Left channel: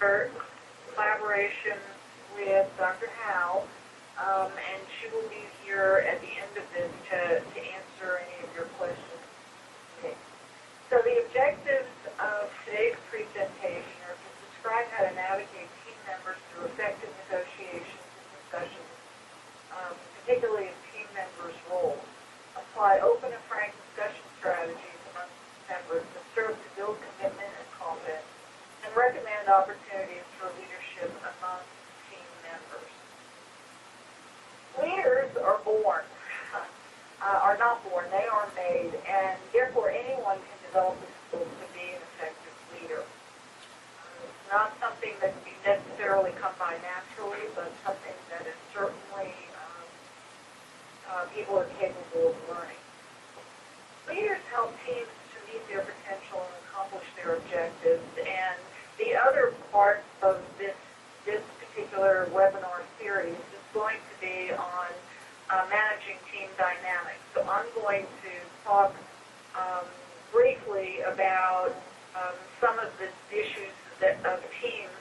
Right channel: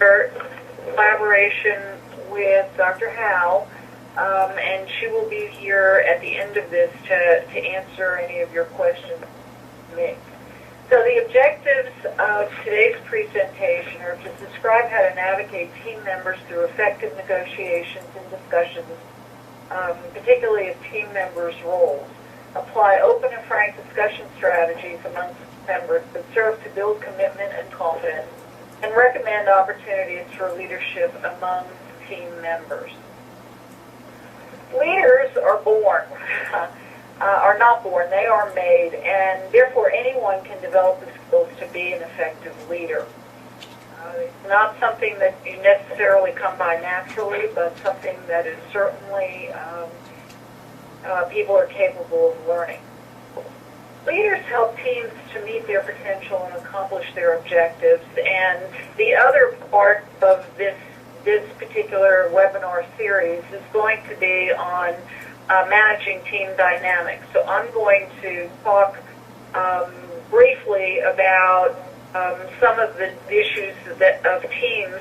our collaboration with Dr. Howe, and she will be here at the end of this to answer any of your questions. So the objectives of today's presentation are to describe how to navigate team members through effective negotiations and discussions, particularly of team members' roles, apply open and frank discussion strategies amongst members that serve to build commitment and confidence, and recommend opportunities for leadership among team members. Leaders are born, are not born, they are made, and therefore anyone can develop the skills to be an effective leader. It's not something that you necessarily come by naturally, but something that is certainly people are capable of learning. Leaders help teams to meet their potential and accomplish their objectives, and the other part of this particular webinar series is going to be on managing team dynamics. So I'm going to talk briefly about some of the issues of teams,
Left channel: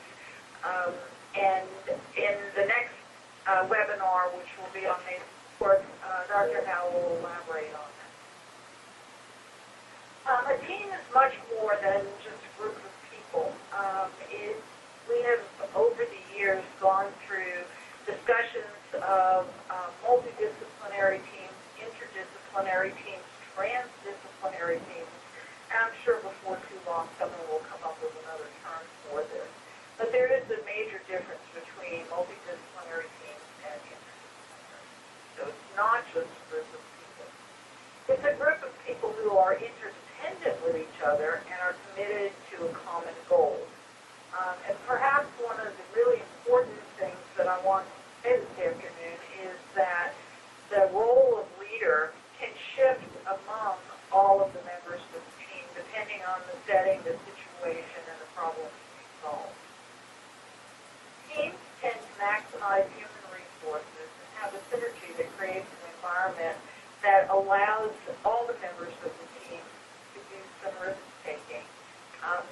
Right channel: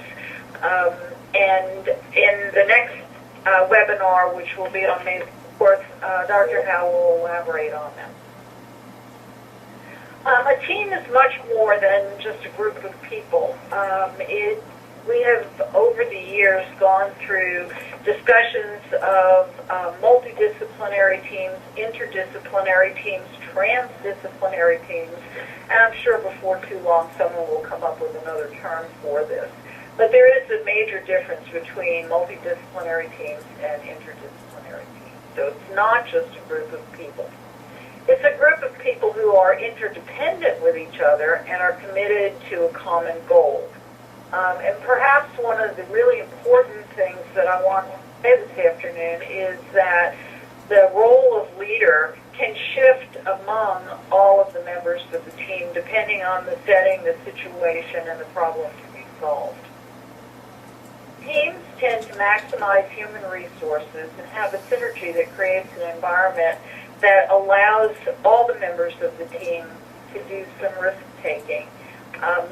and in the next webinar, which will be on May 4th, Dr. Howe will elaborate on that. A team is much more than just a group of people. We have, over the years, gone through discussions of multidisciplinary teams, interdisciplinary teams, transdisciplinary teams, and I'm sure before too long someone will come up with another term for this. But there is a major difference between multidisciplinary teams and interdisciplinary teams. So it's not just a group of people. It's a group of people who are interdependent with each other and are committed to a common goal. And perhaps one of the really important things that I want to say this afternoon is that the role of leader can shift among all of the members of the team depending on the setting, the situation, and the problem to be solved. Teams tend to maximize human resources and have a synergy that creates an environment that allows all the members of the team to do some risk-taking.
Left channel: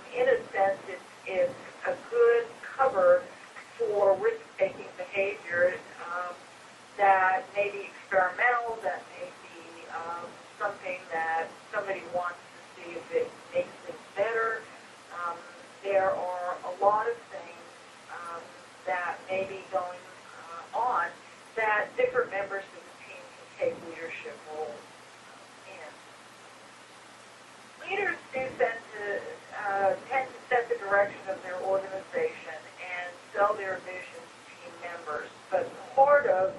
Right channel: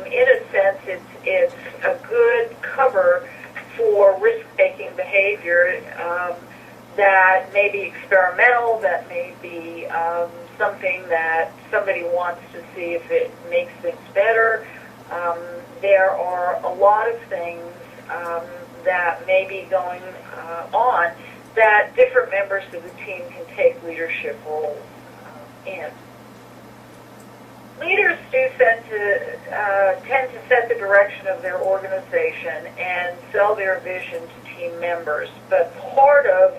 In a sense, it's a good cover for risk-taking behavior that may be experimental, that may be something that somebody wants to see if it makes things better. There are a lot of things that may be going on that different members of the team can take leadership roles in. Leaders do tend to set the direction of their organization and sell their vision to team members, but part of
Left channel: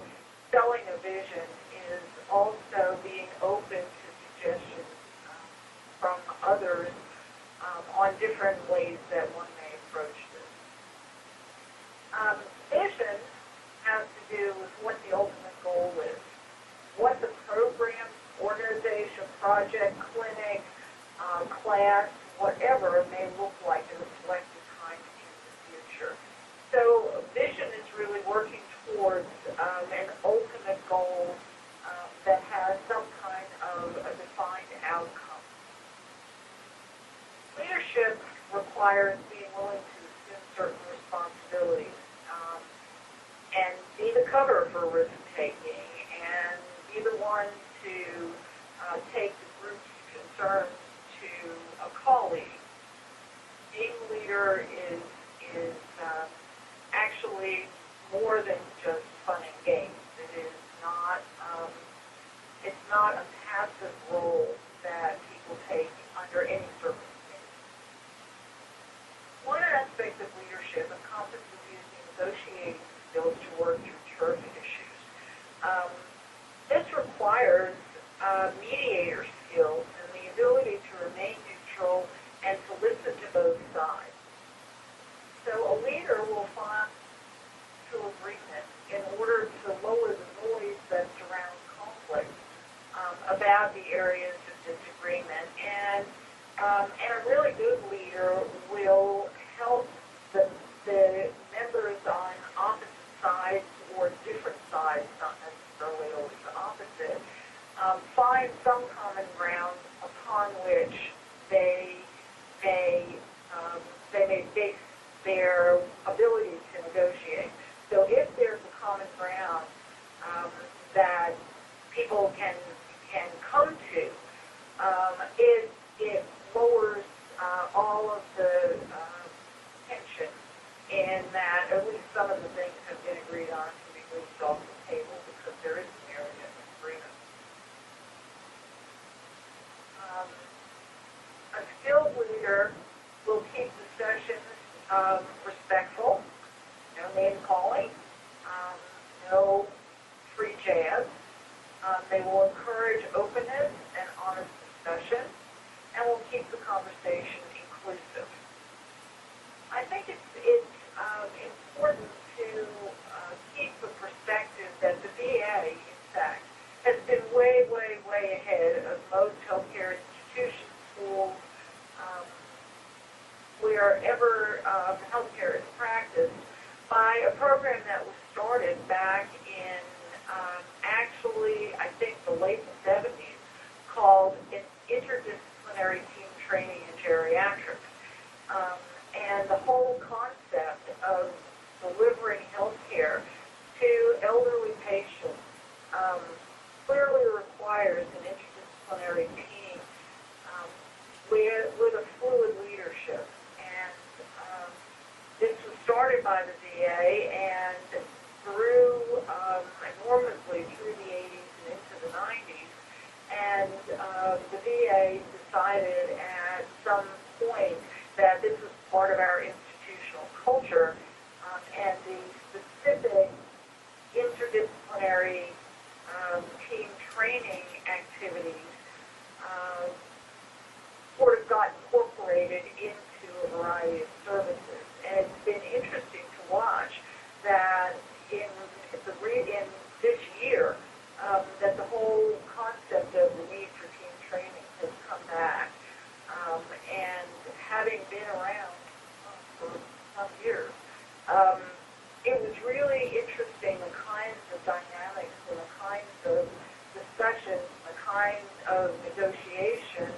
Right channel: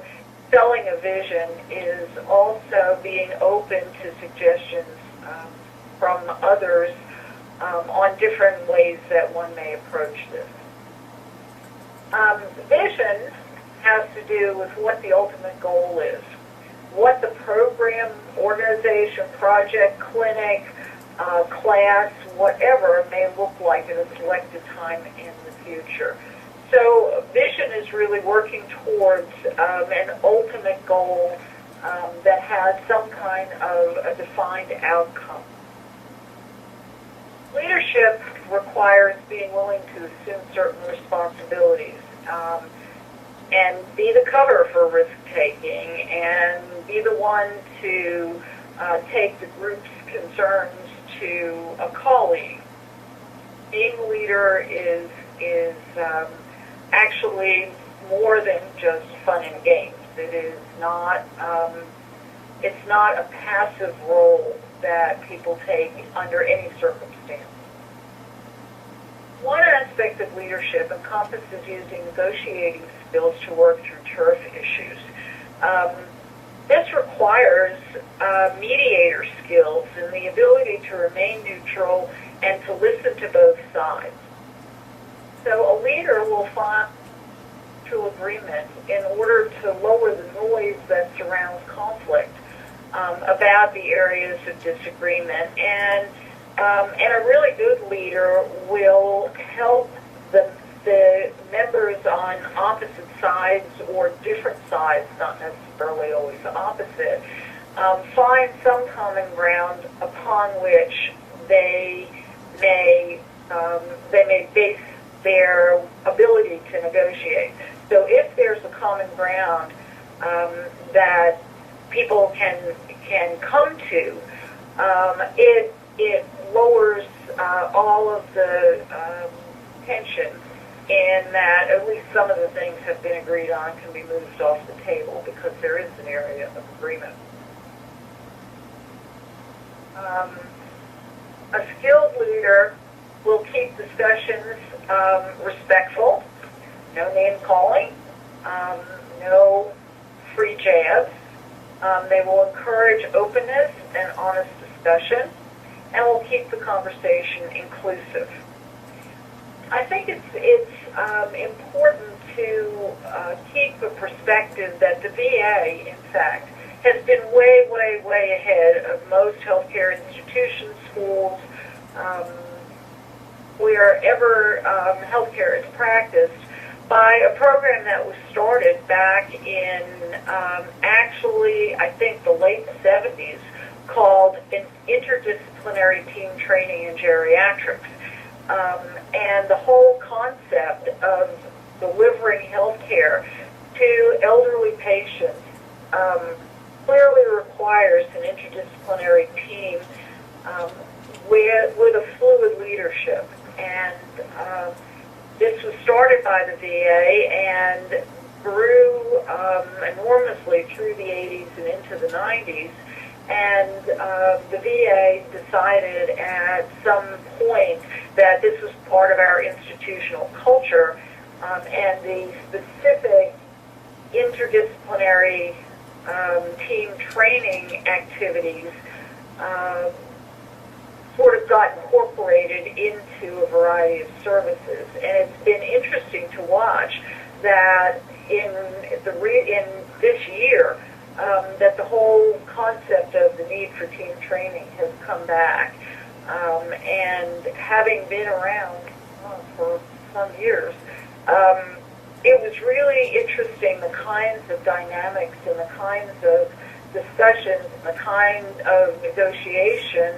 selling a vision is also being open to suggestions from others on different ways that one may approach this. Vision has to do with what the ultimate goal is, what the program, organization, project, clinic, class, whatever may look like at a selected time in the future. So vision is really working towards an ultimate goal that has some kind of a defined outcome. Leadership requires being willing to assume certain responsibilities and be the cover for risk-taking and be the one to take the group's concerns to a colleague. Being a leader is actually more than just fun and games. It is not. It's not a passive role that people take under any circumstance. One aspect of leadership encompasses using negotiating skills to work through turf issues. This requires mediator skills and the ability to remain neutral and to listen to both sides. So a leader will find mutual agreement in order to lower the noise that surrounds conflict about the areas of disagreement. And a really good leader will help the members on opposite sides or different sides, not necessarily always opposite, find some common ground upon which they may base their ability to negotiate. So if there's a common ground that people can come to, it lowers all of the tension in that at least some of the things have been agreed on can be moved off the table because there is an area of agreement. A skilled leader will keep discussions respectful, no name-calling, no free jabs. They will encourage openness and honest discussion, and will keep the conversation inclusive. I think it's important to keep a perspective that the VA, in fact, has been way, way, way ahead of most healthcare institutions, schools, wherever healthcare is practiced, by a program that was started back in actually, I think, the late 70s, called an interdisciplinary team training in geriatrics. And the whole concept of delivering health care to elderly patients clearly requires an interdisciplinary team with a fluid leadership. And this was started by the VA and grew enormously through the 80s and into the 90s. And the VA decided at some point that this was part of our institutional culture, and the specific interdisciplinary team training activities sort of got incorporated into a variety of services. And it's been interesting to watch that in this year, that the whole concept of the need for team training has come back. And having been around for some years, it was really interesting the kinds of dynamics and the kinds of discussions and the kind of negotiation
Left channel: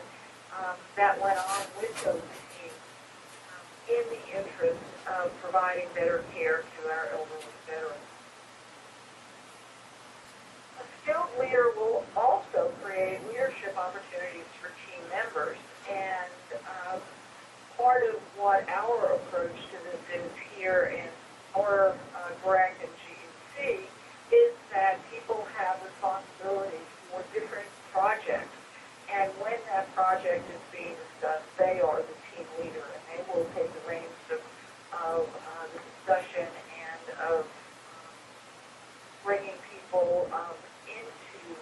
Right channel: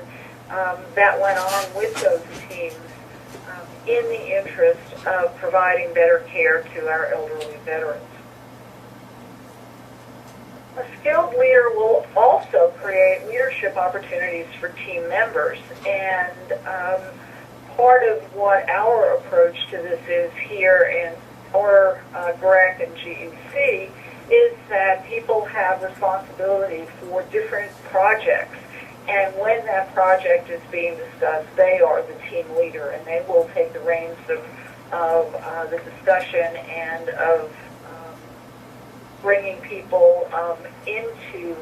that went on with those teams in the interest of providing better care to our elderly veterans. A skilled leader will also create leadership opportunities for team members, and part of what our approach to this is here in our GREC and GEC is that people have responsibility for different projects, and when that project is being discussed, they are the team leader, and they will take the reins of the discussion and of bringing people into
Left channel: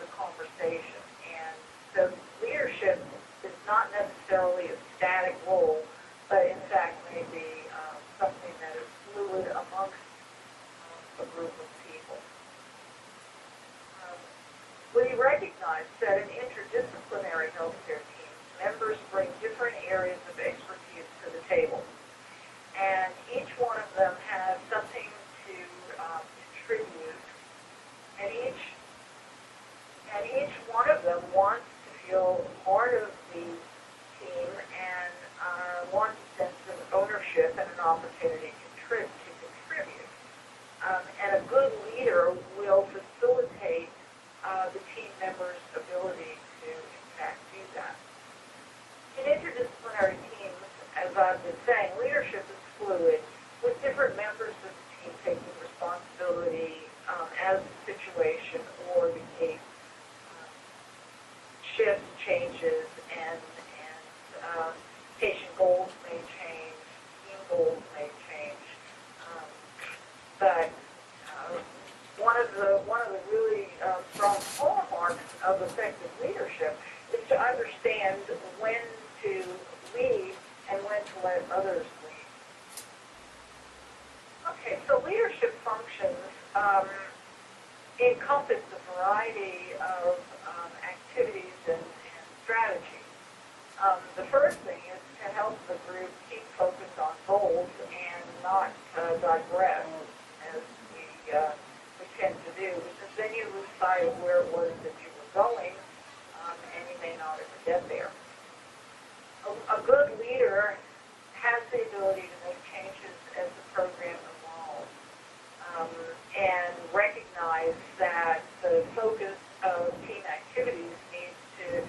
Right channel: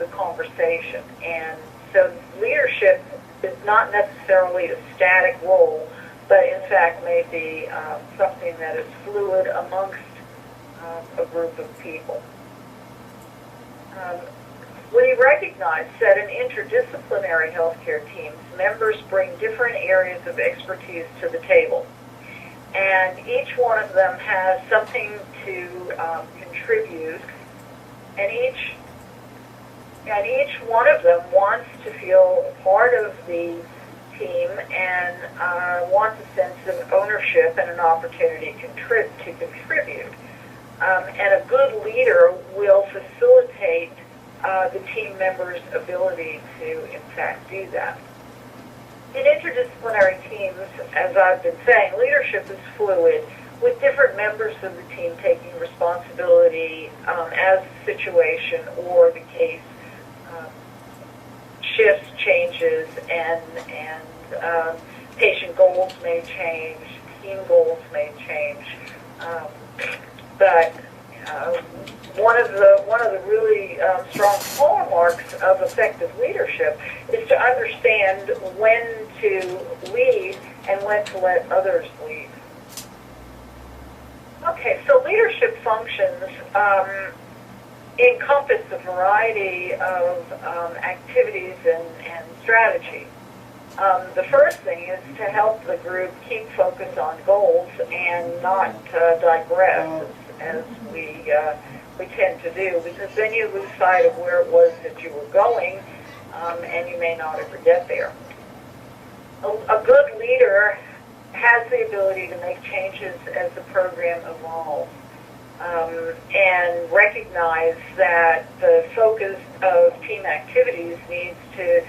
the conversation. And so leadership is not necessarily a static role, but in fact may be something that is fluid amongst a group of people. We recognize that in interdisciplinary healthcare teams, members bring different areas of expertise to the table. And each one of them has something to contribute, and each one of them wants to feel part of the team and wants a sense of ownership and an opportunity to contribute. And a good leader will facilitate the team members' ability to, in fact, do that. In interdisciplinary teams, as I've been saying, leadership is fluid, with different members of the team taking responsibility as the situation or the case shifts, changes, and patient goals may change, team goals may change. But one of the really strong hallmarks of effective leadership is to understand when to lead and when to let others lead. Okay, so leadership functions encompass a variety of activities and strategy. The first thing is to help the group keep focus on goals and not digress, as we tend to do, because then you lose sight of where it was that you were going, and you may not ever get there. A good leader has the ability to make changes as the program evolves, and recognize that the focus of team activities needs to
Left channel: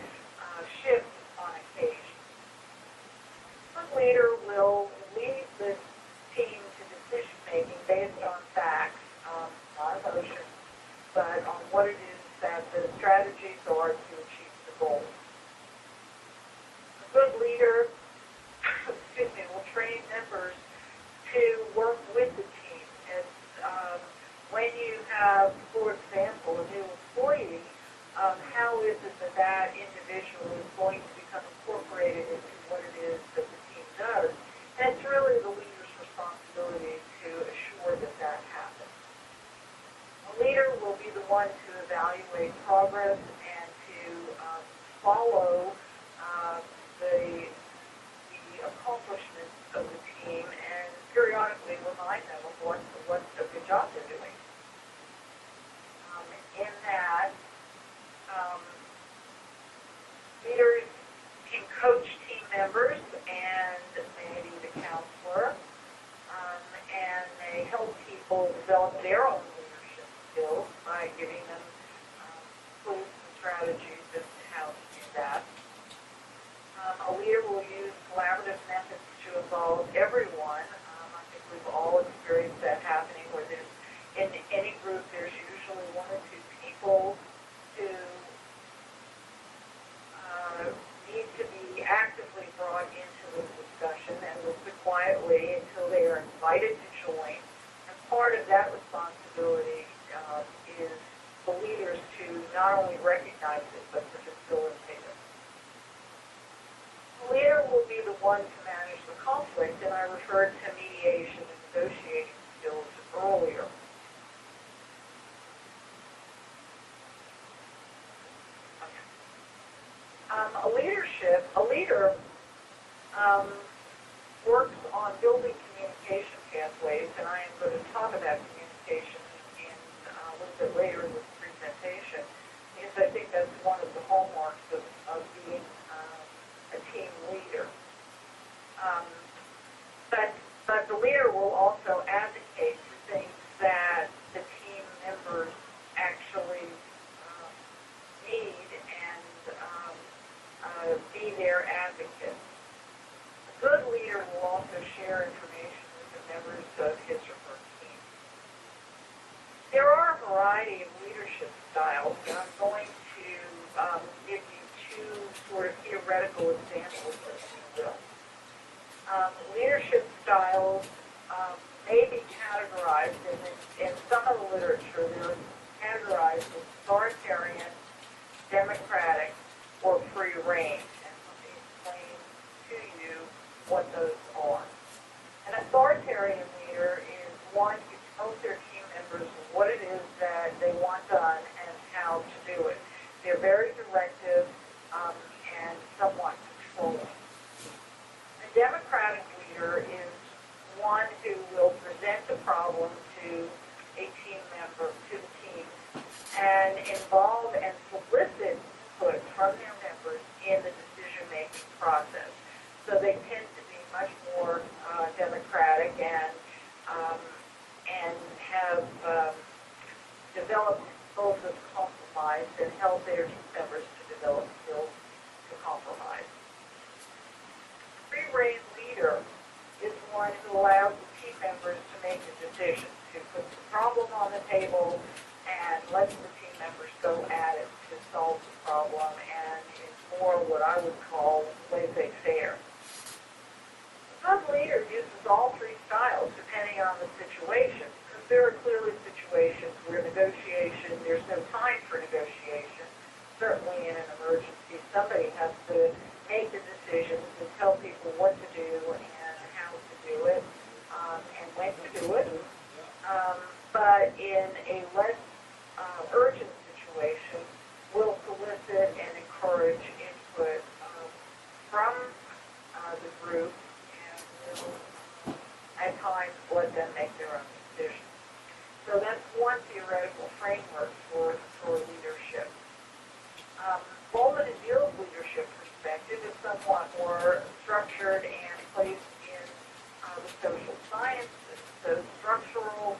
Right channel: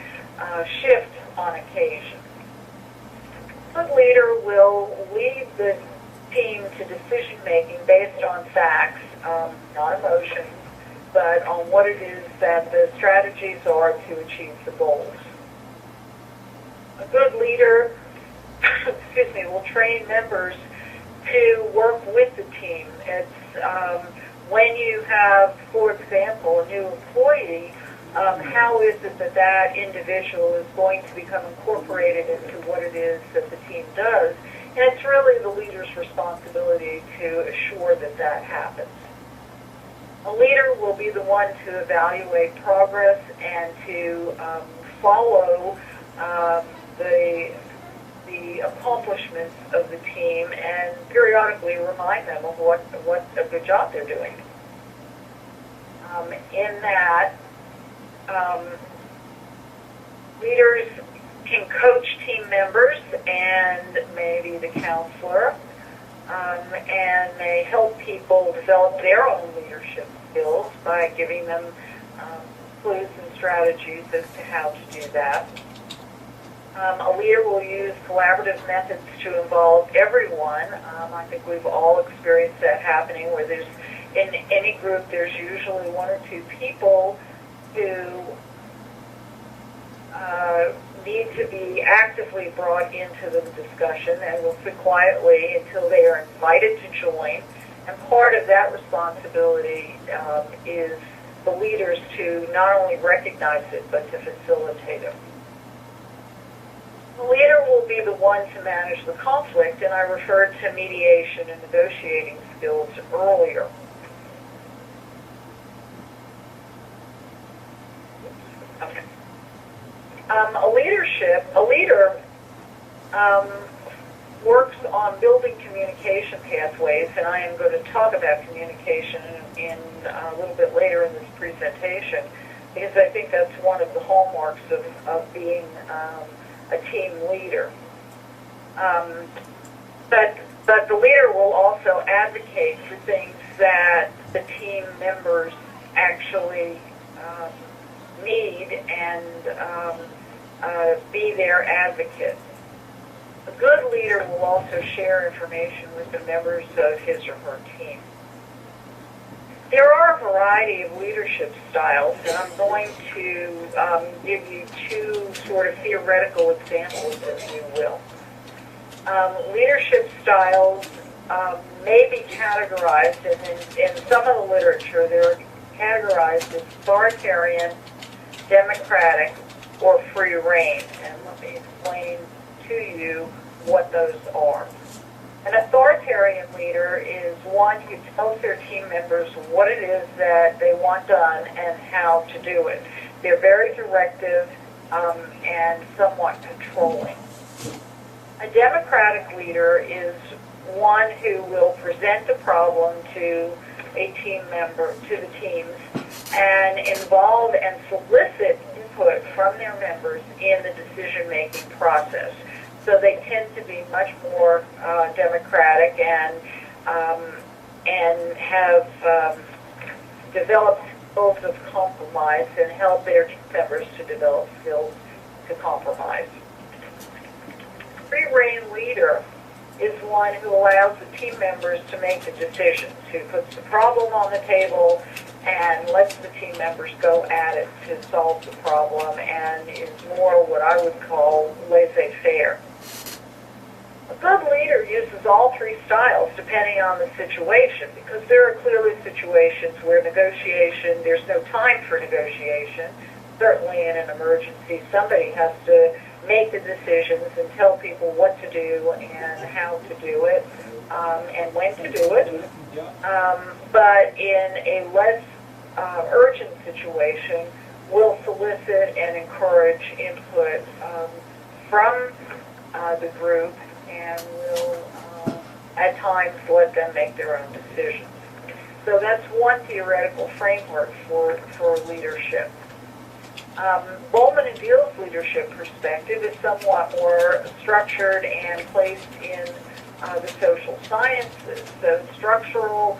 shift on occasion. The leader will lead the team to decision making based on facts, not emotions, but on what it is that the strategies are to achieve the goals. A good leader will train members to work with the team. It's when you have, for example, a new employee, how is it that that individual is going to become incorporated into what it is that the team does? And it's really the leader's responsibility to assure that that happens. A leader will be the one to evaluate progress and to follow the accomplishments of the team and periodically remind them of what a good job they're doing. In that, leaders can coach team members and maybe the counselor, and they help people develop their own leadership skills by giving them clues and strategies as to how to do that. A leader will use collaborative methods to involve everyone. I think we've all experienced that happening where there's, in any group, there's usually one or two people who need to be actively brought into the discussion and will sit quietly until they are invited to join. And part of that responsibility is the leaders to not only recognize it, but to facilitate it. The leader will be the one to manage the conflict, and I referred to mediation and negotiating skills earlier. Okay. A leader works on building communication pathways, and I am going to talk about communication in a little bit later in this presentation, because I think that's one of the hallmarks of being a team leader. But the leader will also advocate for things that the team members actually need and be their advocate. A good leader will also share information with the members of his or her team. There are a variety of leadership styles, and I'm going to give you two sort of theoretical examples, if you will. Leadership styles may be categorized, and in some of the literature, they're categorized as authoritarian, democratic, or free reign. And let me explain to you what those are. An authoritarian leader is one who tells their team members what it is that they want done and how to do it. They're very directive and somewhat controlling. A democratic leader is one who will present the problem to a team member, to the teams, and involve and solicit input from their members in the decision-making process. So they tend to be much more democratic and have developed skills of compromise and help their team members to develop skills to compromise. Free reign leader is one who allows the team members to make the decisions, who puts the problem on the table and lets the team members go at it to solve the problem, and is more what I would call laissez-faire. A good leader uses all three styles depending on the situation, because there are clearly situations where there's no time for negotiation. Certainly in an emergency, somebody has to make the decisions and tell people what to do and how to do it and when to do it. But in a less urgent situation, we'll solicit and encourage input from the group, and will at times let them make their own decisions. So that's one theoretical framework for leadership. Bowman and Beale's leadership perspective is somewhat more structured and placed in the social sciences. So structural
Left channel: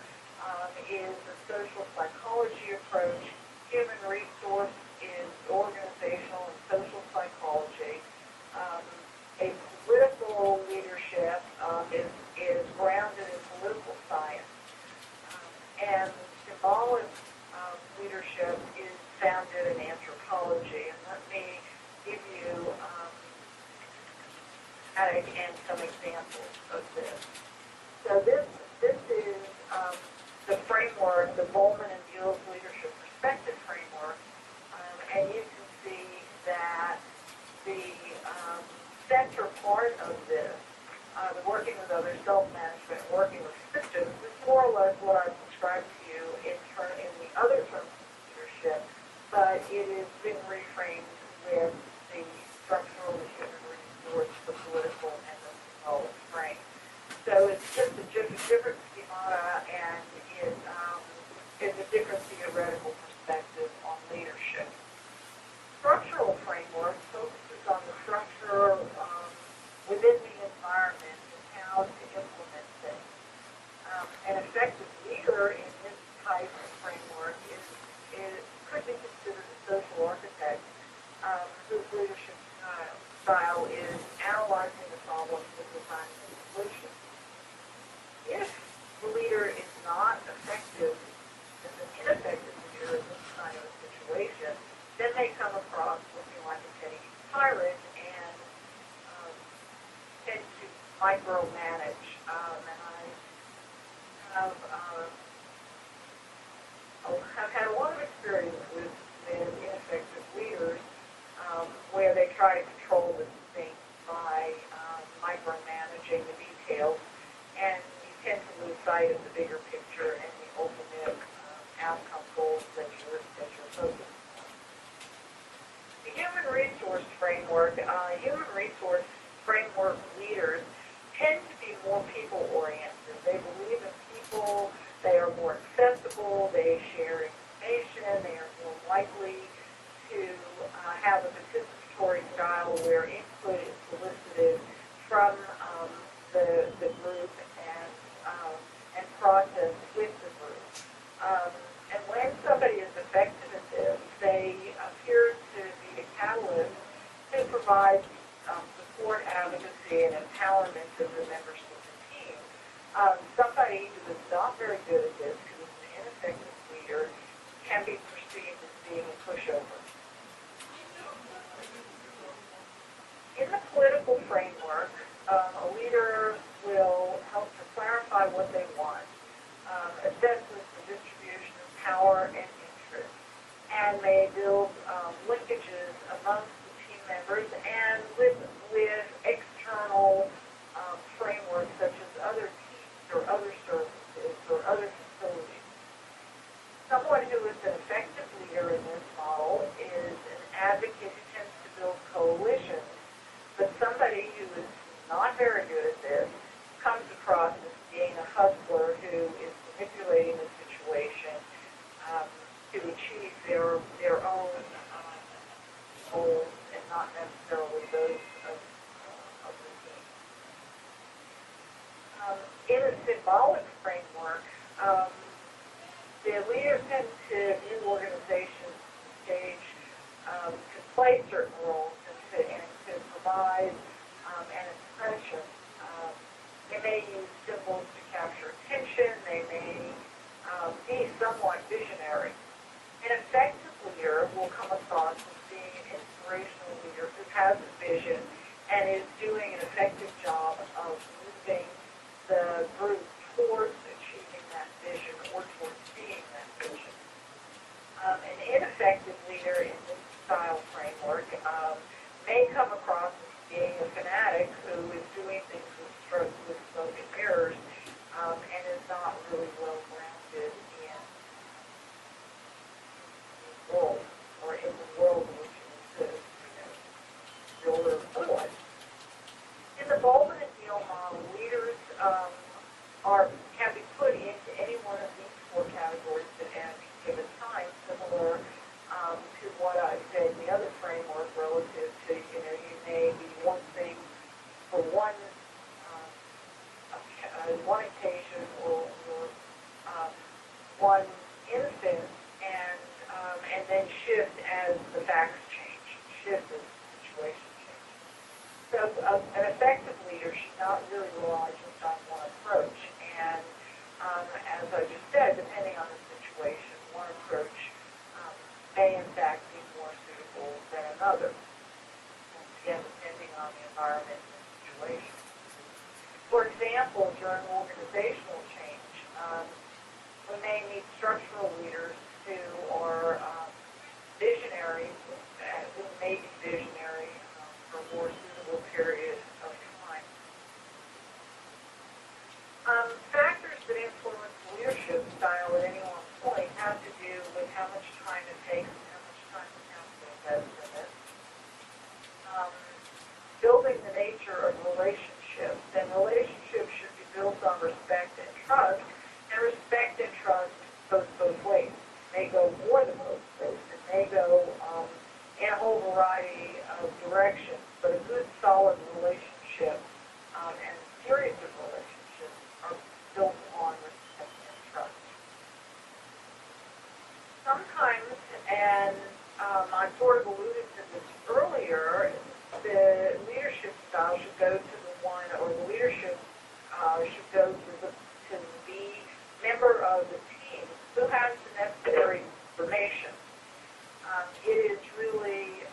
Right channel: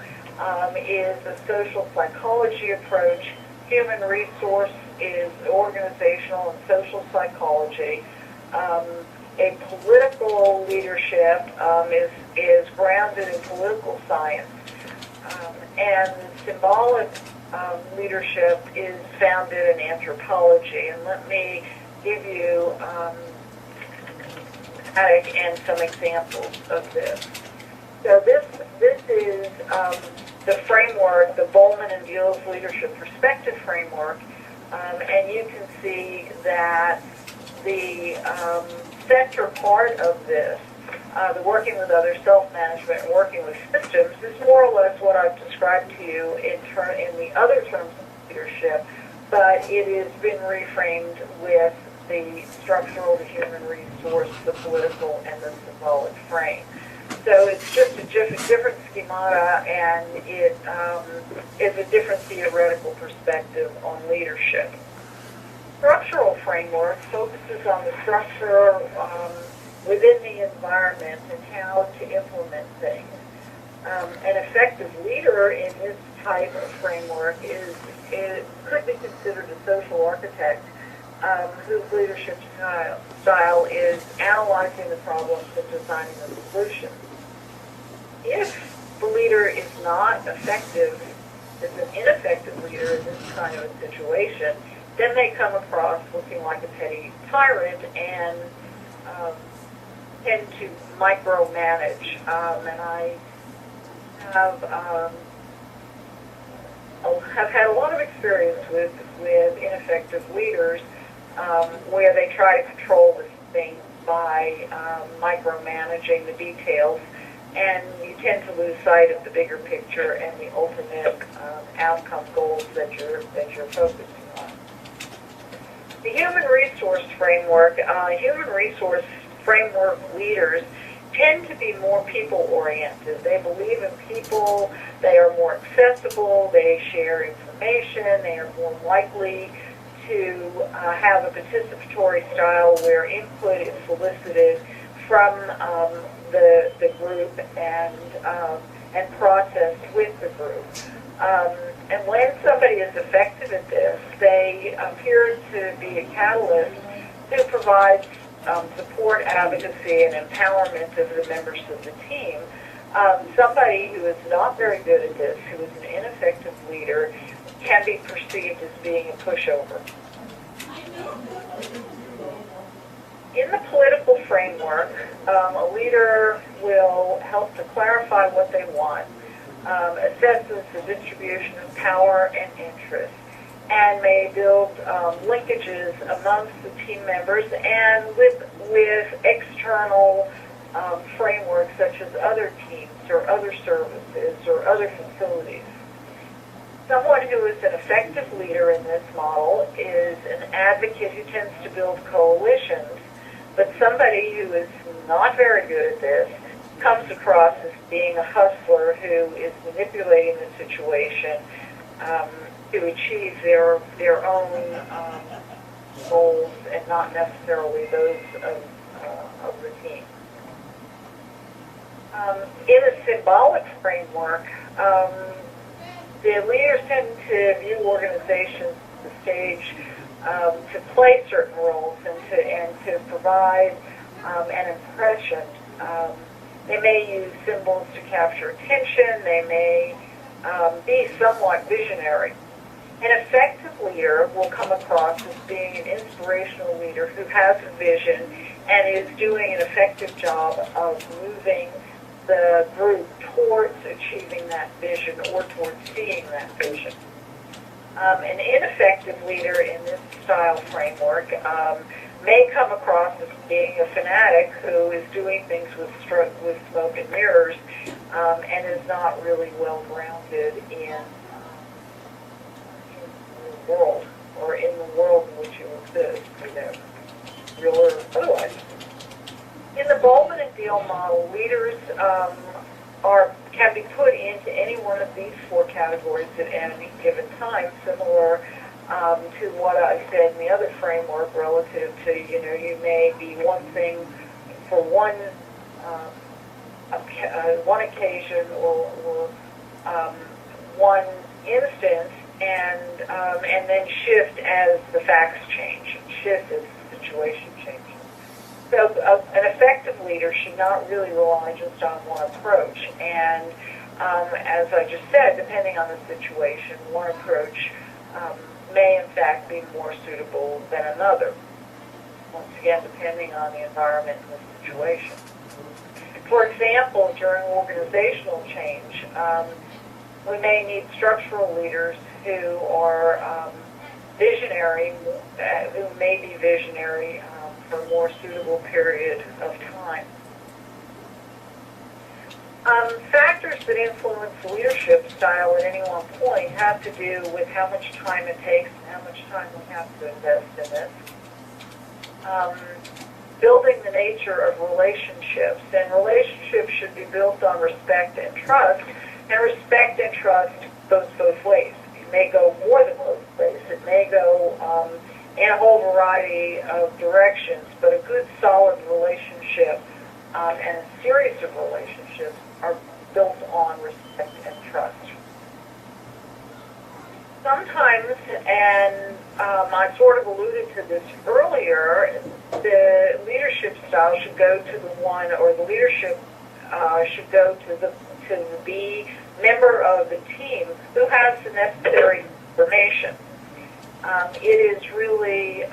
is a social psychology approach. Human resource is organizational and social psychology. A political leadership is grounded in political science. And symbolic leadership is founded in anthropology. And let me give you and some examples of this. So this is the framework, the Bowman and Beale's leadership perspective framework, and you can see that the center part of this, the working with others, self-management, and working with systems, is more or less what I've described to you in the other terms of leadership, but it has been reframed with the structural, the human resource, the political, and the symbolic frame. So it's just a different schemata, and it is a different theoretical perspective on leadership. Structural framework focuses on the structure within the environment and how to implement things. An effective leader in this type of framework could be considered a social architect whose leadership style is analyzing the problems and designing the solutions. If the leader is not effective, is an ineffective leader in this kind of a situation, then they come across looking like a petty tyrant and tend to micromanage. And I have had a lot of experience with ineffective leaders where they try to control the thing by micromanaging the details, and you tend to lose sight of the bigger picture and the ultimate outcome goals that you're focusing on. The human resource framework leaders tend to be more people-oriented. They believe in people, they are more accessible, they share information, they are more likely to have a participatory style where input is solicited from the group and processed with the group. And when somebody is effective at this, they appear to be a catalyst who provides support, advocacy, and empowerment of the members of the team. Somebody who is not very good at this, who is an ineffective leader, can be perceived as being a pushover. In the political framework, a leader will help to clarify what they want, assesses the distribution of power and interest, and may build linkages amongst the team members and with external frameworks such as other teams or other services or other facilities. Someone who is an effective leader in this model is an advocate who tends to build coalitions, but somebody who is not very good at this comes across as being a hustler who is manipulating the situation to achieve their own goals and not necessarily those of the team. In a symbolic framework, the leaders tend to view organizations as the stage to play certain roles and to provide an impression. They may use symbols to capture attention. They may be somewhat visionary. An effective leader will come across as being an inspirational leader who has a vision and is doing an effective job of moving the group towards achieving that vision or towards seeing that vision. An ineffective leader in this style framework may come across as being a fanatic who is doing things with smoke and mirrors and is not really well grounded in the world or in the world in which you exist, real or otherwise. In the Bowman and Beale model, leaders can be put into any one of these four categories at any given time, similar to what I said in the other framework relative to, you may be one thing for one occasion or one instance, and then shift as the facts change, shift as the situation changes. So an effective leader should not really rely just on one approach. And as I just said, depending on the situation, one approach may in fact be more suitable than another. Once again, depending on the environment and the situation. For example, during organizational change, we may need structural leaders who are visionary, who may be visionary for a more suitable period of time. Factors that influence leadership style at any one point have to do with how much time it takes and how much time we have to invest in it. Building the nature of relationships, and relationships should be built on respect and trust, and respect and trust goes both ways. It may go more than both ways. It may go in a whole variety of directions, but a good, solid relationship and a series of relationships are built on respect and trust. Sometimes, and I sort of alluded to this earlier, the leadership style should go to the one, or the leadership should go to the member of the team who has the necessary information. It is really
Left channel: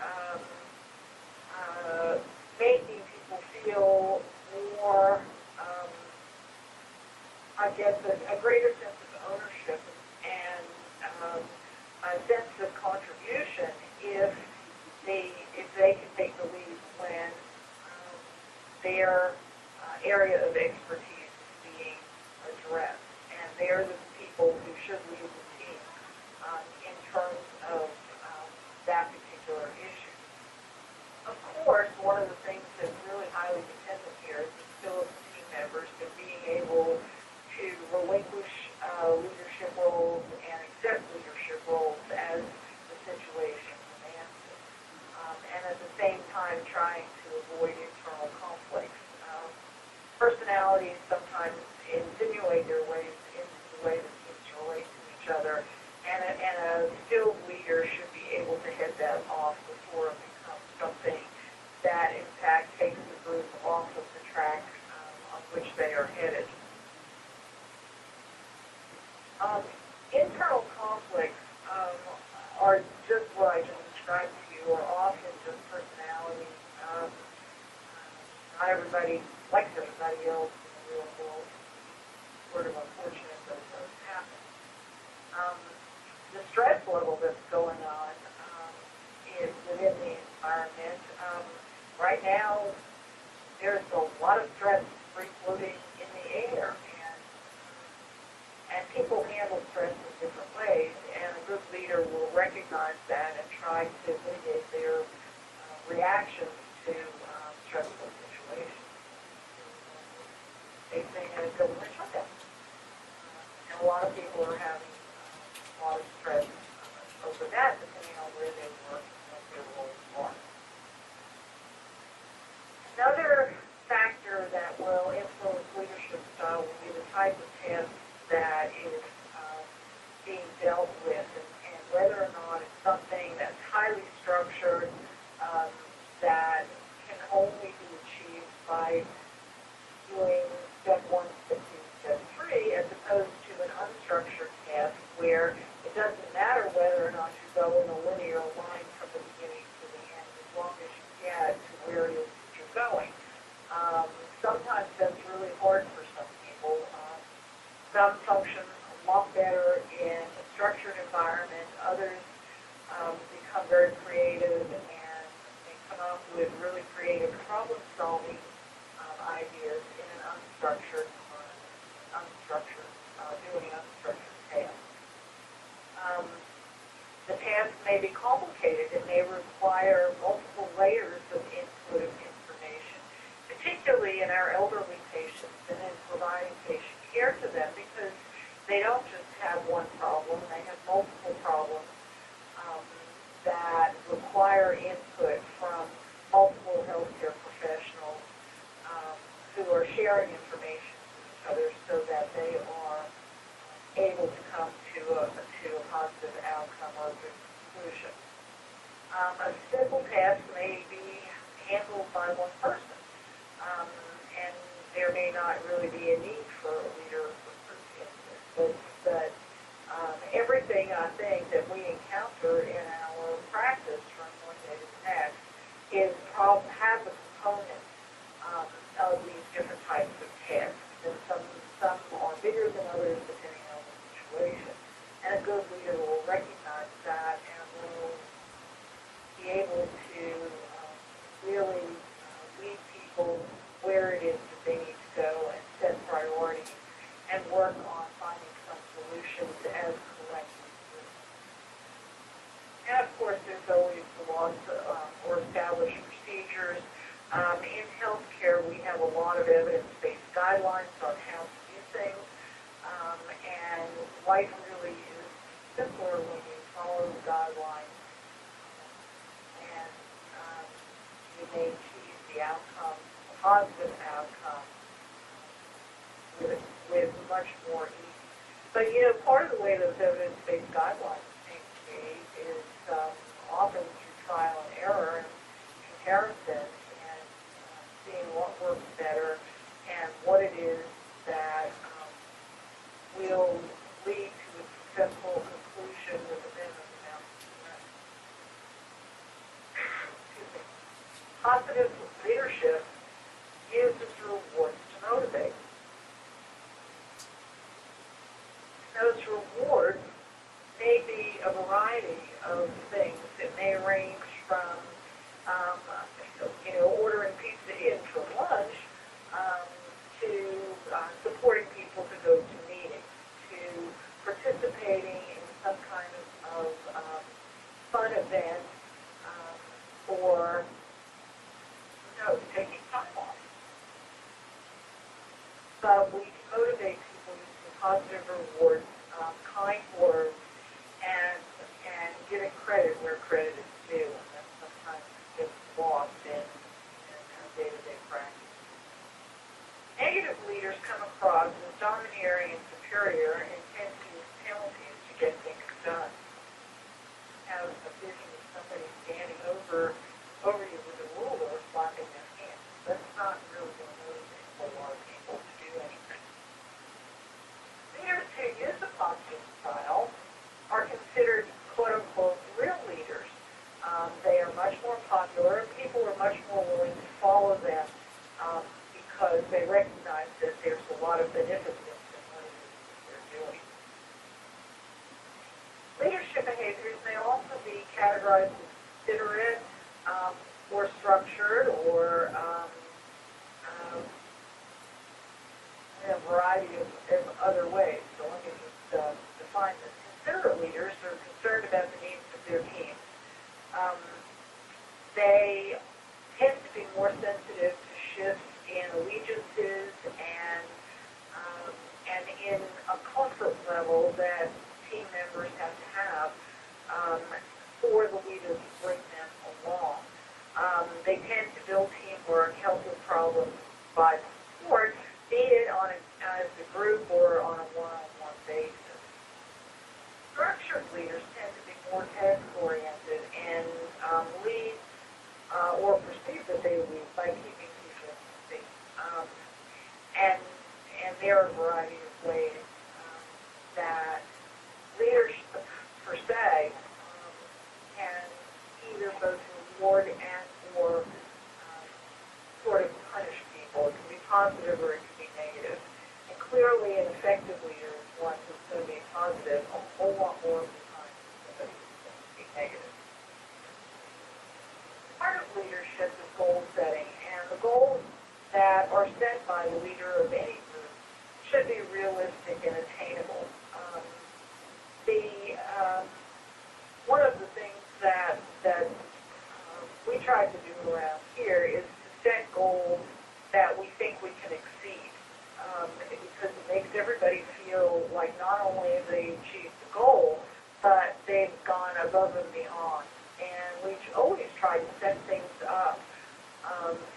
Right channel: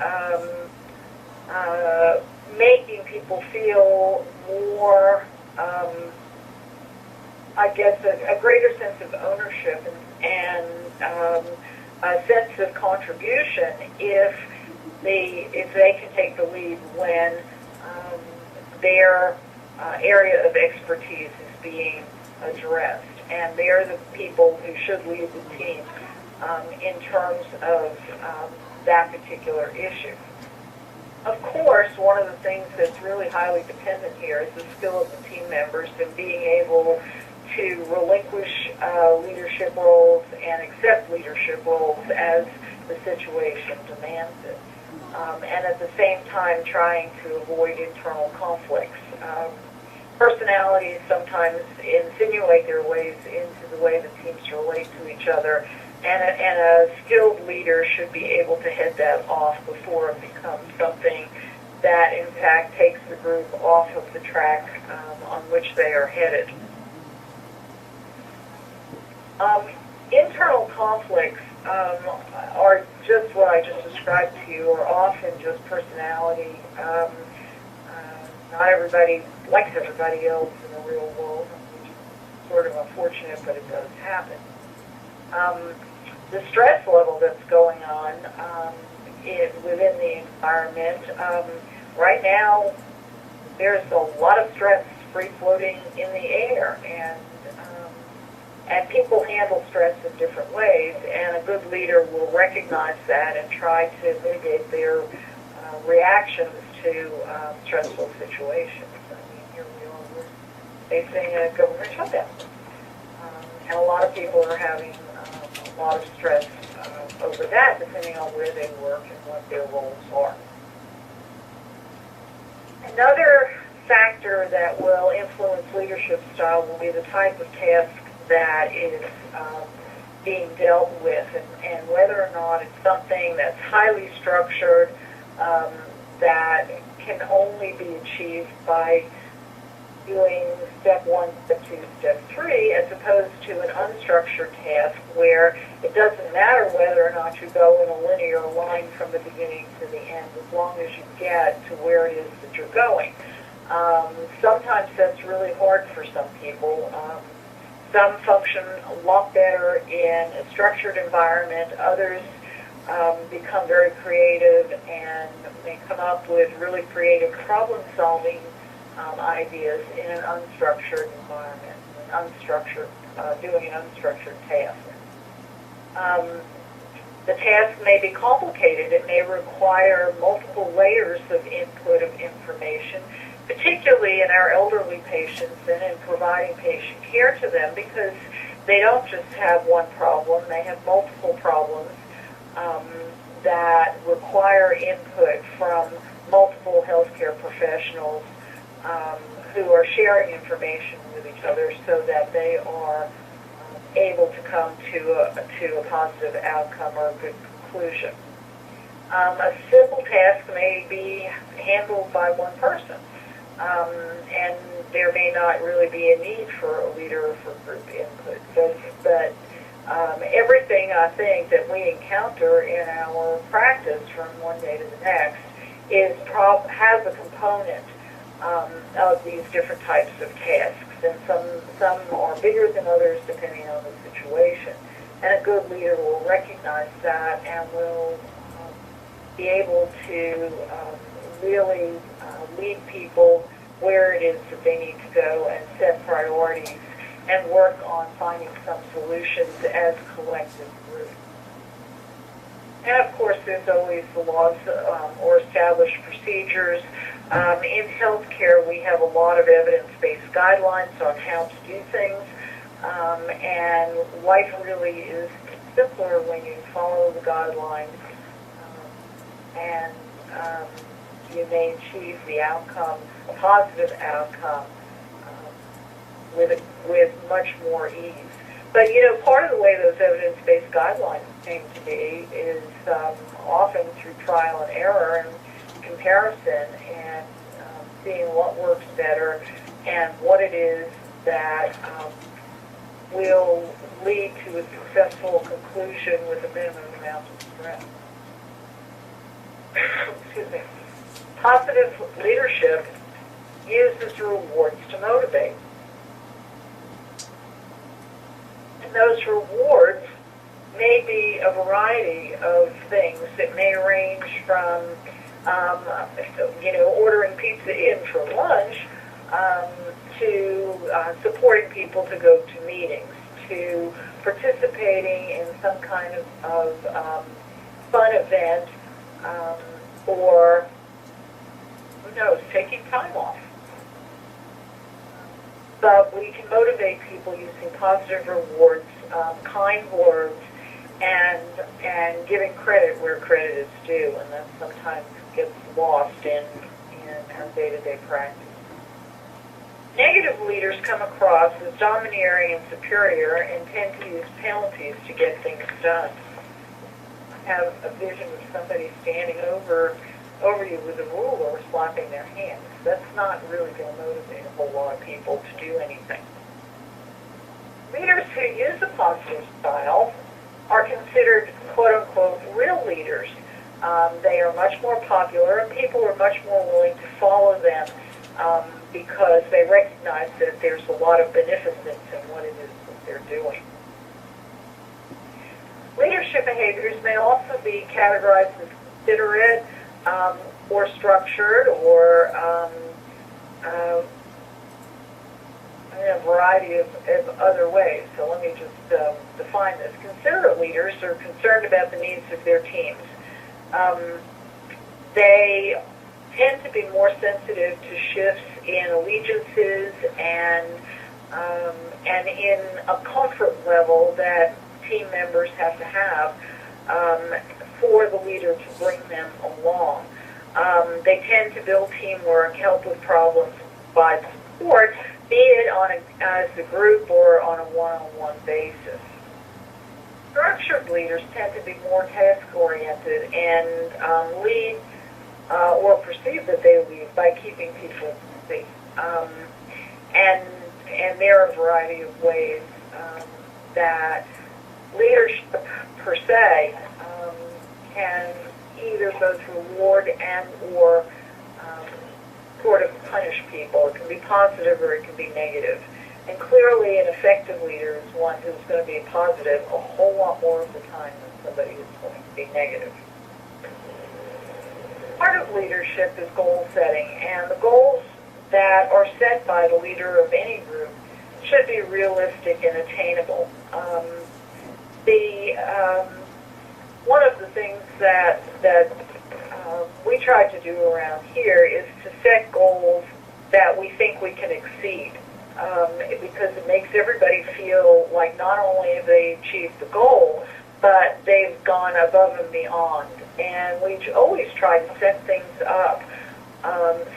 making people feel more, I guess, a greater sense of ownership and a sense of contribution if they can take the lead when their area of expertise is being addressed, and they're the people who should lead the team in terms of that particular issue. Of course, one of the things that's really highly dependent here is the skill of the team members and being able to relinquish leadership roles and accept leadership roles as the situation demands it. And at the same time trying to avoid internal conflicts. Personalities sometimes insinuate their ways into the way the teams relate to each other, and a skilled leader should be able to head that off before it becomes something that in fact takes the group off of the track on which they are headed. Internal conflicts are just what I just described to you, are often just personality. Not everybody likes everybody else in the real world, which is sort of unfortunate, but it does happen. The stress level that's going on within the environment, right now there's a lot of stress free-floating in the air, and people handle stress in different ways, and a good leader will recognize that and try to mitigate their reactions to stressful situations. I mean, here we are facing a government shutdown, and a lot of people are having a lot of stress over that, depending on where they work and what their roles are. Another factor that will influence leadership style will be the type of task that is being dealt with, and whether or not it's something that's highly structured, that can only be achieved by doing step 1, step 2, step 3, as opposed to an unstructured task where it doesn't matter whether or not you go in a linear line from the beginning to the end, as long as you get to where it is that you're going. Sometimes that's really hard for some people. Some function a lot better in a structured environment. Others become very creative and may come up with really creative problem-solving ideas in an unstructured environment, doing an unstructured task. The task may be complicated. It may require multiple layers of input of information, particularly in our elderly patients and in providing patient care to them, because they don't just have one problem, they have multiple problems. that require input from multiple healthcare professionals who are sharing information with each other so that they are able to come to a positive outcome or a good conclusion. A simple task may be handled by one person, and there may not really be a need for a leader or for group input. But everything I think that we encounter in our practice from one day to the next has a component of these different types of tasks, and some are bigger than others depending on the situation. And a good leader will recognize that and will be able to really lead people where it is that they need to go and set priorities and work on finding some solutions as a collective group. And of course, there's always the laws or established procedures. In healthcare, we have a lot of evidence-based guidelines on how to do things, and life really is simpler when you follow the guidelines, and you may achieve the outcome, a positive outcome, with much more ease. But, part of the way those evidence-based guidelines came to be is often through trial and error and comparison and seeing what works better and what it is that will lead to a successful conclusion with a minimum amount of stress. Excuse me. Positive leadership uses rewards to motivate. And those rewards may be a variety of things. It may range from, ordering pizza in for lunch to supporting people to go to meetings, to participating in some kind of fun event, or, who knows, taking time off. But we can motivate people using positive rewards, kind words, and giving credit where credit is due, and that sometimes gets lost in our day-to-day practice. Negative leaders come across as domineering and superior and tend to use penalties to get things done. I have a vision of somebody standing over you with a ruler slapping their hands. That's not really going to motivate a whole lot of people to do anything. Leaders who use a positive style are considered, quote-unquote, real leaders. They are much more popular, and people are much more willing to follow them because they recognize that there's a lot of beneficence in what it is that they're doing. Leadership behaviors may also be categorized as considerate or structured or in a variety of other ways. So let me just define this. Considerate leaders are concerned about the needs of their teams. They tend to be more sensitive to shifts in allegiances and in a comfort level that team members have to have for the leader to bring them along. They tend to build teamwork, help with problems by support, be it as a group or on a one-on-one basis. Structured leaders tend to be more task-oriented and lead or perceive that they lead by keeping people safe. And there are a variety of ways that leadership per se can either both reward and or sort of punish people. It can be positive or it can be negative. And clearly an effective leader is one who's going to be positive a whole lot more of the time than somebody who's going to be negative. Part of leadership is goal setting, and the goals that are set by the leader of any group should be realistic and attainable. One of the things that we try to do around here is to set goals that we think we can exceed, because it makes everybody feel like not only have they achieved the goal, but they've gone above and beyond and we always try to set things up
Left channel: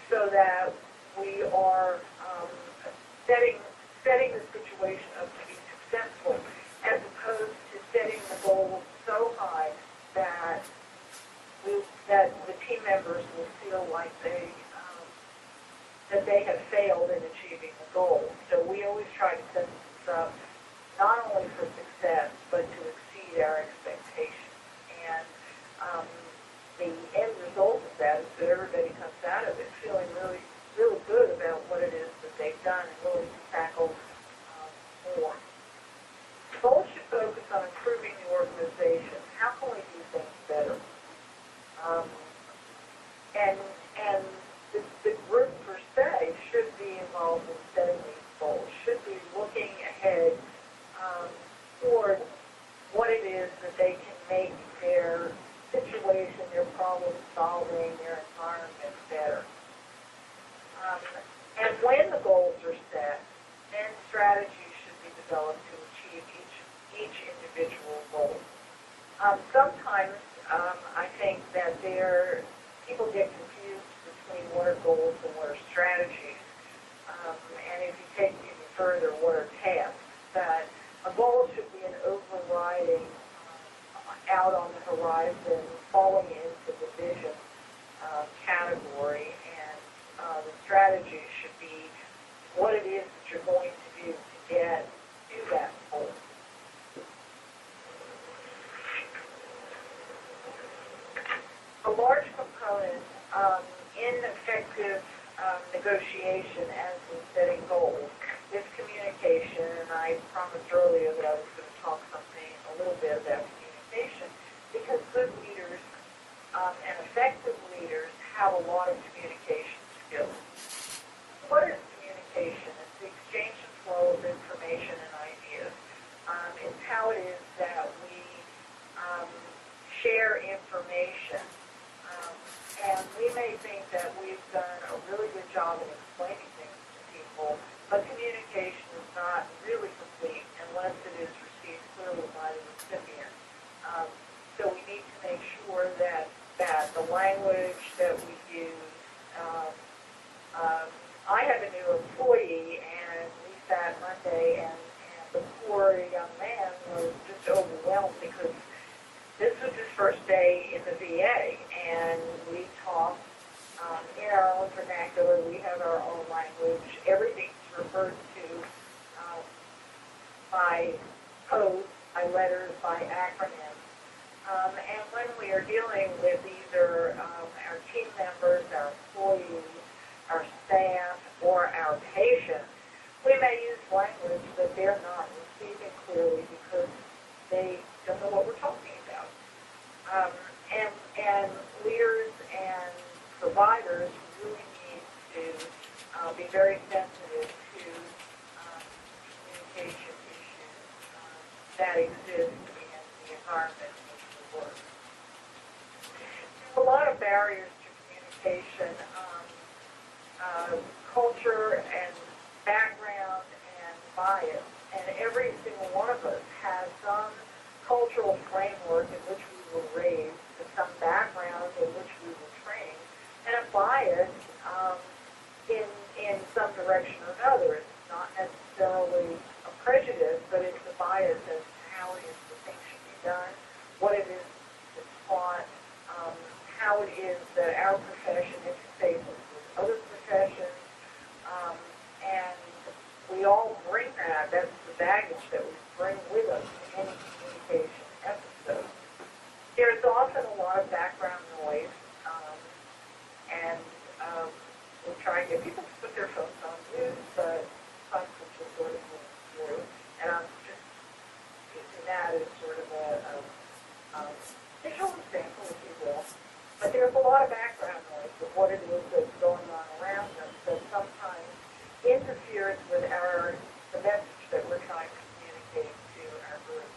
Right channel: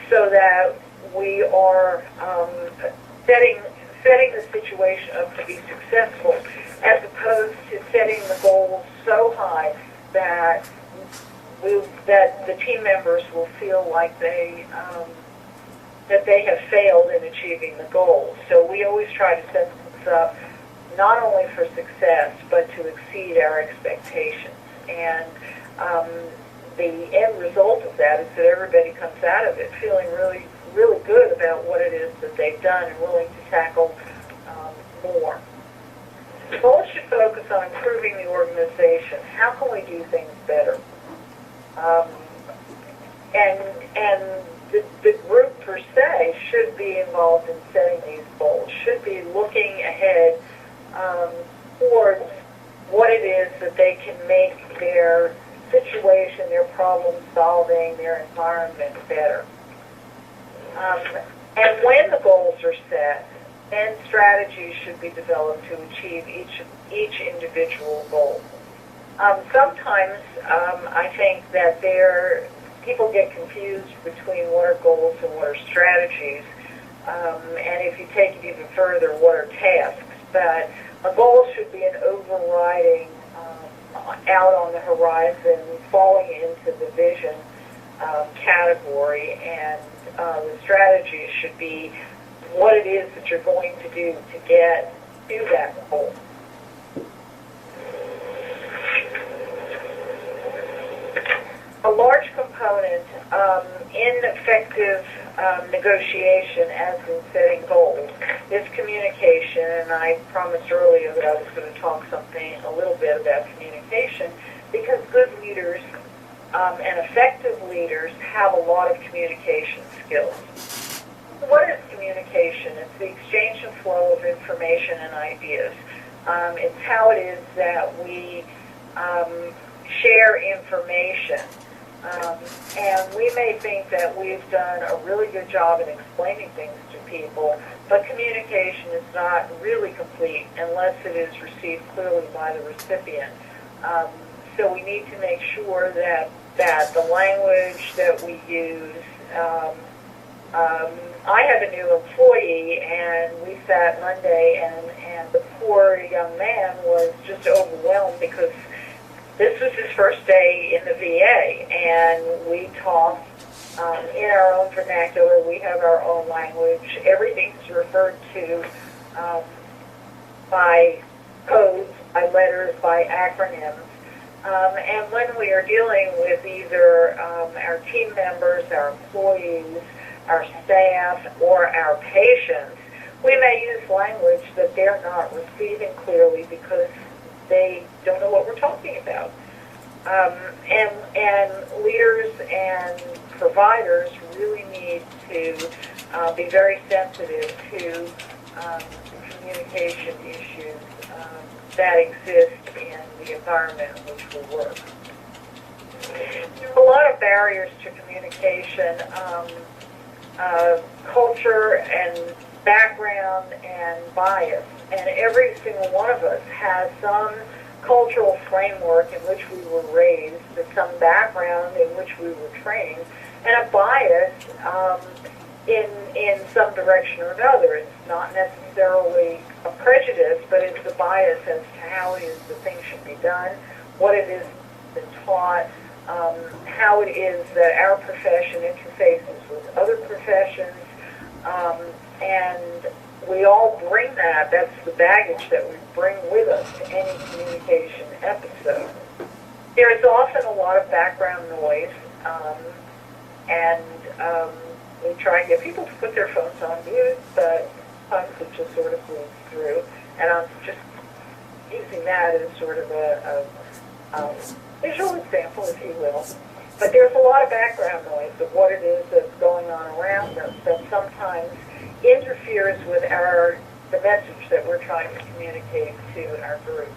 so that we are setting the situation up to be successful, as opposed to setting the goals so high that the team members will feel like that they have failed in achieving the goals. So we always try to set things up not only for success, but to exceed our expectations. And the end result of that is that everybody comes out of it feeling really, really good about what it is that they've done and willing to tackle more. The goals should focus on improving the organization. How can we do things better? And the group per se should be involved in setting these goals, should be looking ahead towards what it is that they can make their situation, their problem solving, their environment better. And when the goals are set, then strategies should be developed to achieve each individual goal. Sometimes I think that people get confused between what are goals and what are strategies. And if you take it even further, what are tasks? But a goal should be an overriding, out on the horizon, falling into the vision category, and the strategies should be what it is that you're going to do to get to that goal. A large component in effective negotiation, as in setting goals, is communication. And I promised earlier that I was going to talk a little bit about communication, because good leaders and effective leaders have a lot of communication skills. What is communication? It's the exchange and flow of information and ideas. It's how it is that we share information. And we may think that we've done a really good job in explaining things to people, but communication is not really complete unless it is received clearly by the recipient. So we need to make sure that the language that we use, I have a new employee, and we sat Monday, and the poor young man was just overwhelmed because this was his first day in the VA, and we talked in our own vernacular. We have our own language. Everything's referred to by codes, by letters, by acronyms. And when we are dealing with either our team members, our employees, our staff, or our patients, we may use language that they're not receiving clearly because they don't know what we're talking about. And leaders and providers really need to be very sensitive to communication issues that exist in the environment in which we work. There are a lot of barriers to communication, culture and background and bias, and every single one of us has some cultural framework in which we were raised, some background in which we were trained, and a bias in some direction or another. It's not necessarily a prejudice, but it's a bias as to how it is that things should be done, what it is that's taught, how it is that our profession interfaces with other professions, and we all bring that. That's the baggage that we bring with us to any communication episode. There is often a lot of background noise, and we try and get people to put their phones on mute, but sometimes it just sort of moves through. And I'm just using that as sort of a visual example, if you will. But there's a lot of background noise of what it is that's going on around us that sometimes interferes with the message that we're trying to communicate to our group.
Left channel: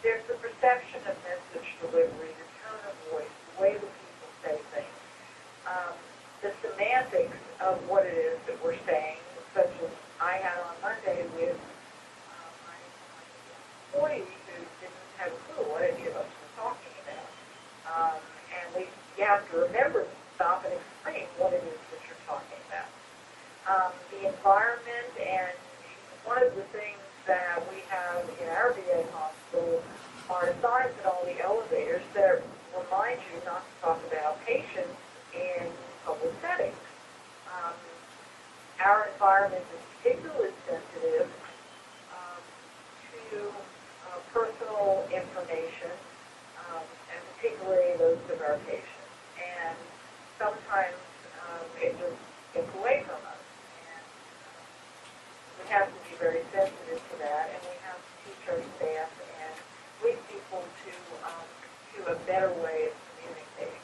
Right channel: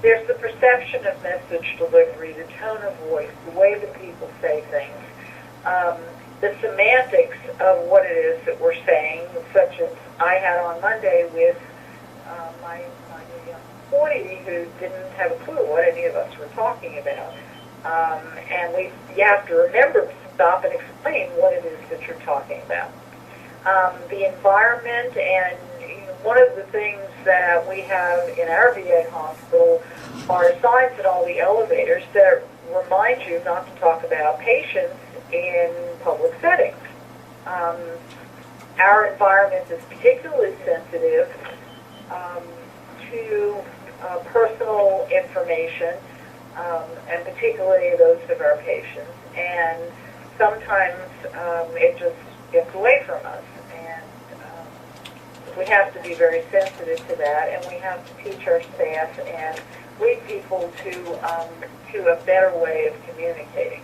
There's the perception of message delivery, the tone of voice, the way that people say things, the semantics of what it is that we're saying, such as I had on Monday with my employee who didn't have a clue what any of us were talking about. and you have to remember to stop and explain what it is that you're talking about. The environment, and one of the things that we have in our VA hospital are signs in all the elevators that remind you not to talk about patients in public settings. Our environment is particularly sensitive to personal information, and particularly those of our patients. And sometimes it just gets away from us. And we have to be very sensitive to that, and we have to teach our staff and lead people to a better way of communicating.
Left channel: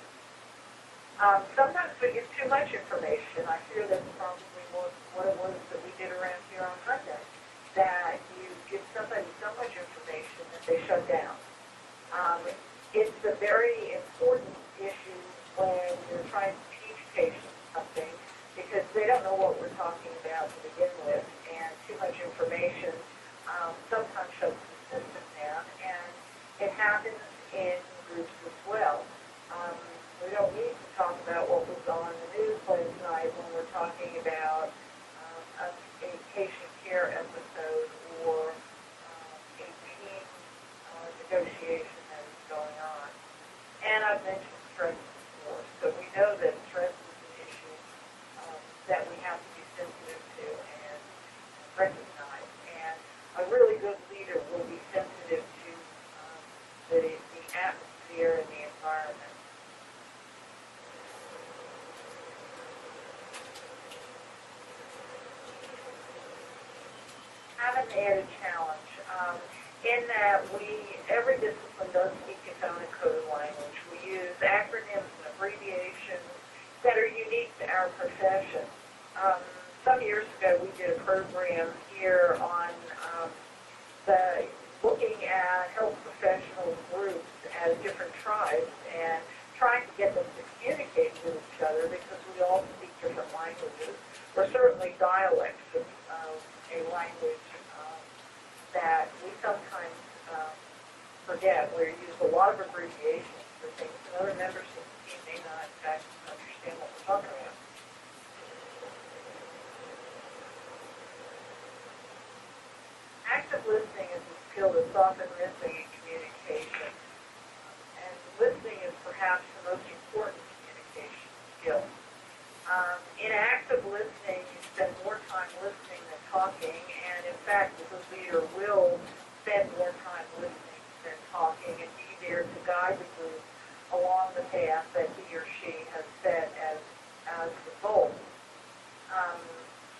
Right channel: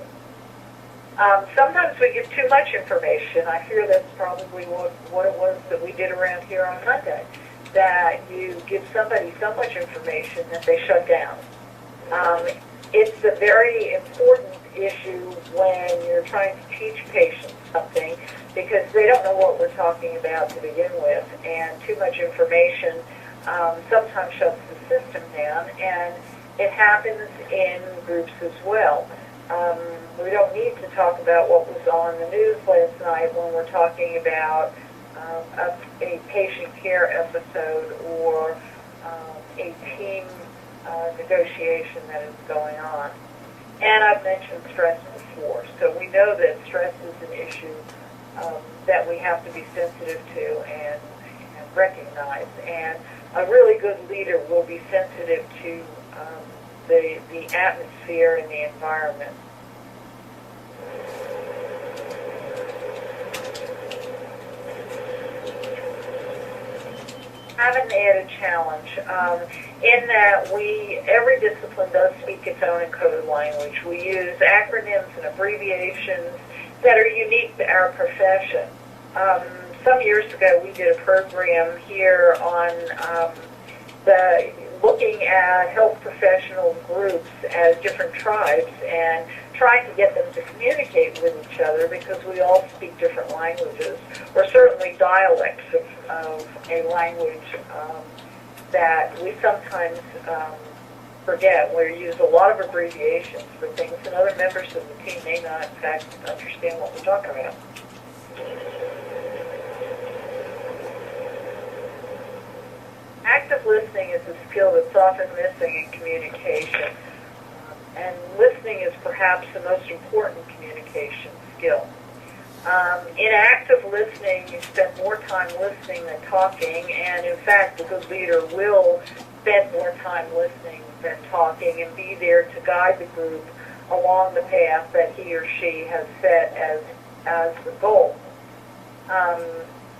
Sometimes we give too much information. I fear that's probably what it was that we did around here on Monday, that you give somebody so much information that they shut down. It's a very important issue when you're trying to teach patients something, because they don't know what we're talking about to begin with, and too much information sometimes shuts the system down, and it happens in groups as well. We don't need to talk about what was on the news last night when we're talking about a patient care episode or a team negotiation that is going on. And I've mentioned stress before, so we know that stress is an issue that we have to be sensitive to and recognize. And a really good leader will be sensitive to the atmosphere and the environment. Have an added challenge in that every discipline does speak its own encoded language. We use acronyms and abbreviations that are unique to our profession. Some years ago, we did a program here on looking at health professional groups as different tribes and trying to get them to communicate with each other, because we all speak different languages, or certainly dialects of a language that we sometimes forget. We use a lot of abbreviations for things, and other members of the team may not, in fact, understand what we're talking about. Active listening is a skill that's often missing in communication. And listening is perhaps the most important communication skill. In active listening, you spend more time listening than talking, and in fact, a good leader will spend more time listening than talking and be there to guide the group along the path that he or she has set as the goal.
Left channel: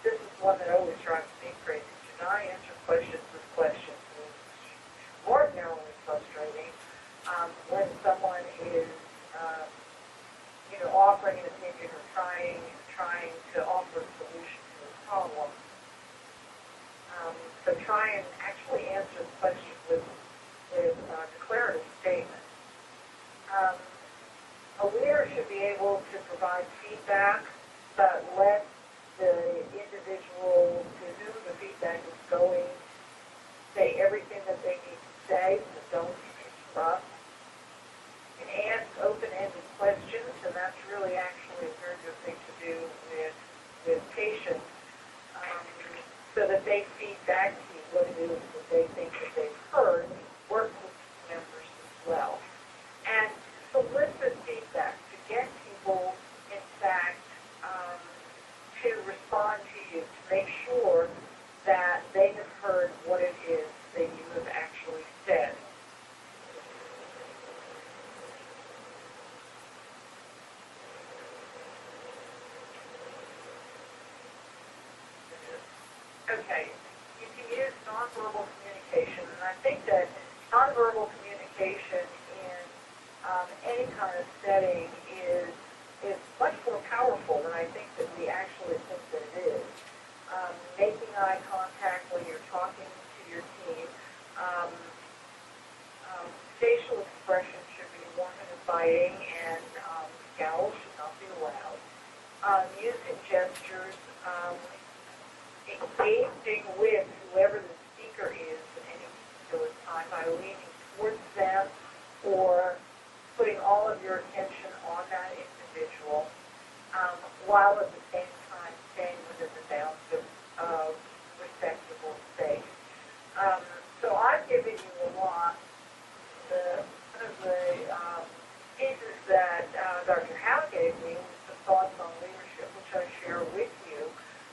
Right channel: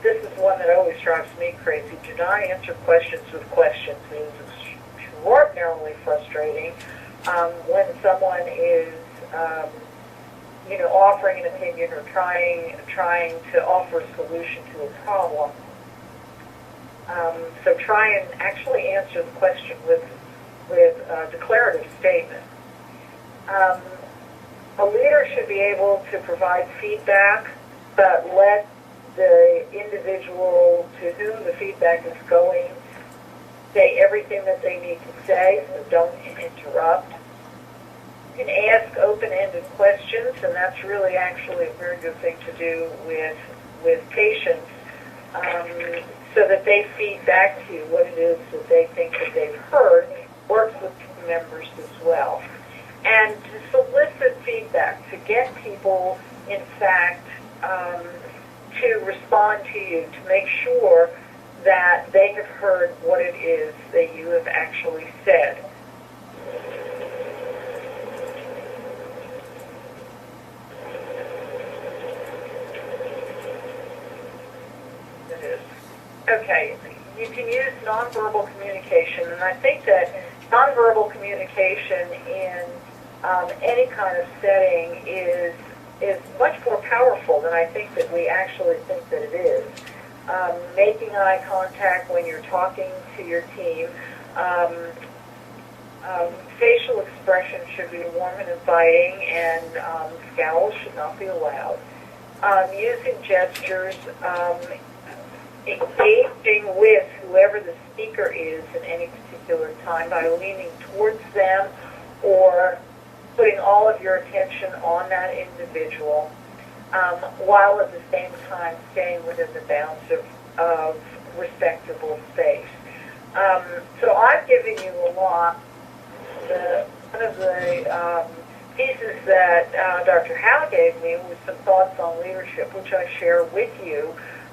This is one that always drives me crazy. Do not answer questions with questions. It is extraordinarily frustrating when someone is, offering an opinion or trying to offer a solution to a problem. So try and actually answer the question with a declarative statement. A leader should be able to provide feedback, but let the individual to whom the feedback is going say everything that they need to say, so don't interrupt. You can ask open-ended questions, and that's really actually a very good thing to do with patients, so that they feed back to you what it is that they think that they've heard. Works with team members as well. And to solicit feedback, to get people, in fact, to respond to you, to make sure that they have heard what it is that you have actually said. Okay, you can use nonverbal communication, and I think that nonverbal communication in any kind of setting is much more powerful than I think that we actually think that it is. Making eye contact when you're talking to your team. Facial expression should be warm and inviting, and scowls should not be allowed. Using gestures, engaging with whoever the speaker is at any particular time by leaning towards them or putting all of your attention on that individual, while at the same time staying within the bounds of respectable space. So I've given you a lot. One of the pieces that Dr. Howe gave me was some thoughts on leadership, which I share with you,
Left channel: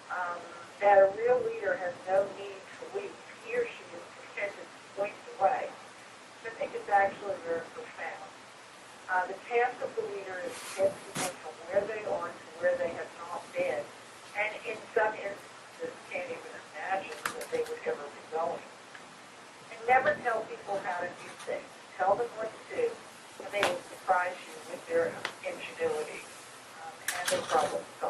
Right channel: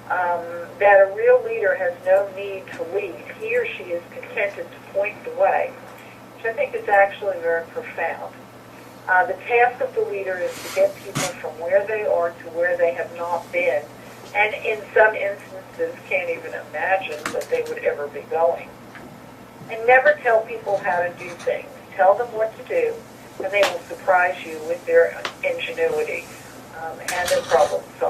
that a real leader has no need to lead. He or she is contented to point the way, which I think is actually very profound. The task of the leader is to get people from where they are to where they have not been, and in some instances can't even imagine that they would ever be going. And never tell people how to do things. Tell them what to do, and they will surprise you with their ingenuity and their problem solving.